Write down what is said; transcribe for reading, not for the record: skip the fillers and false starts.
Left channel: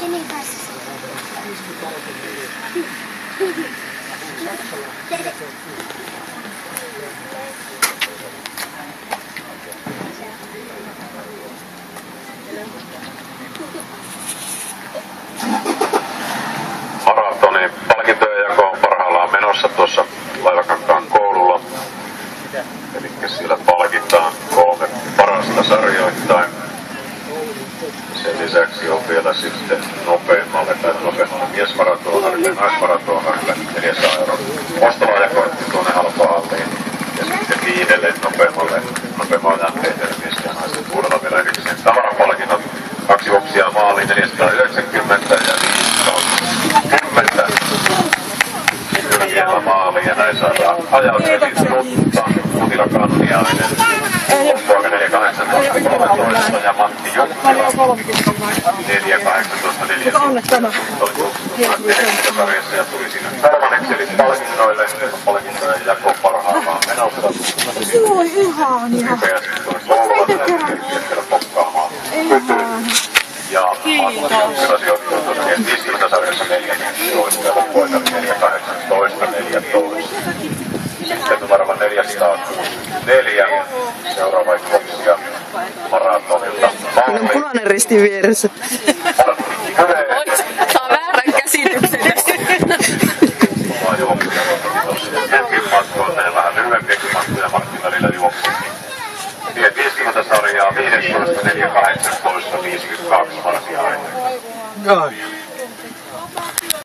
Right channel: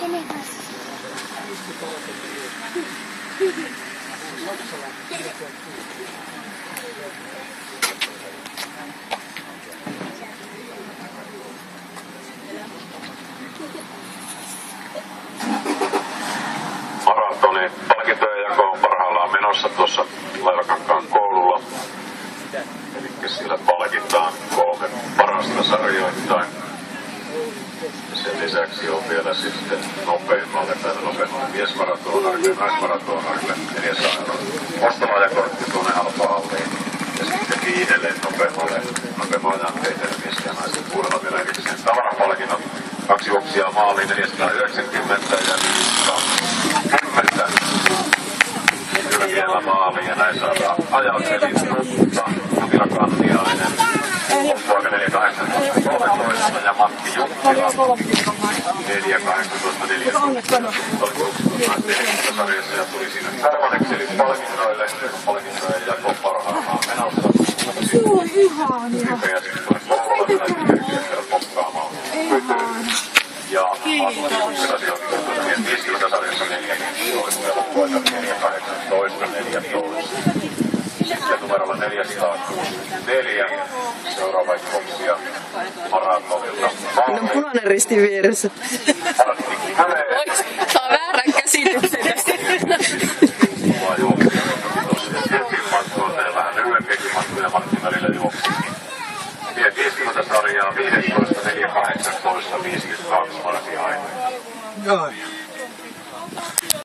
Kenen kanssa? Maratonin palkintojen jako on parhaillaan menossa tuossa Laivakankaan koululla. Eli siellä palkitaan 3 parasta sarjoittain. Sen lisäksi on vielä sitten nopeimmalle miesmaratonarille ja naismaratonarille 400 € ostolaajakortti tuonne halpahalliin. Ja sitten 5 nopeimman ajan tehdelle miesten ja naisten puolella vielä erikseen tavarapalkinnot. 2 juoksijaa maaliin 490 ja 5/10. Vielä maaliin ja näin saadaan ajat eli Nutta, Mutila Kanniainen, poika 4.18.13 ja Matti Jukkila 4.18.14. Sarjassa ja tuli siinä kolmanneksi eli palkinnoille, palkintojen jako parhaillaan menossa. Oi ihania. Kiitos. Sarjassa 14 ja poika 4.18.14. Sitten numerolla 464. Seuraava juoksija maratonilta. Siinä on punainen risti vieressä.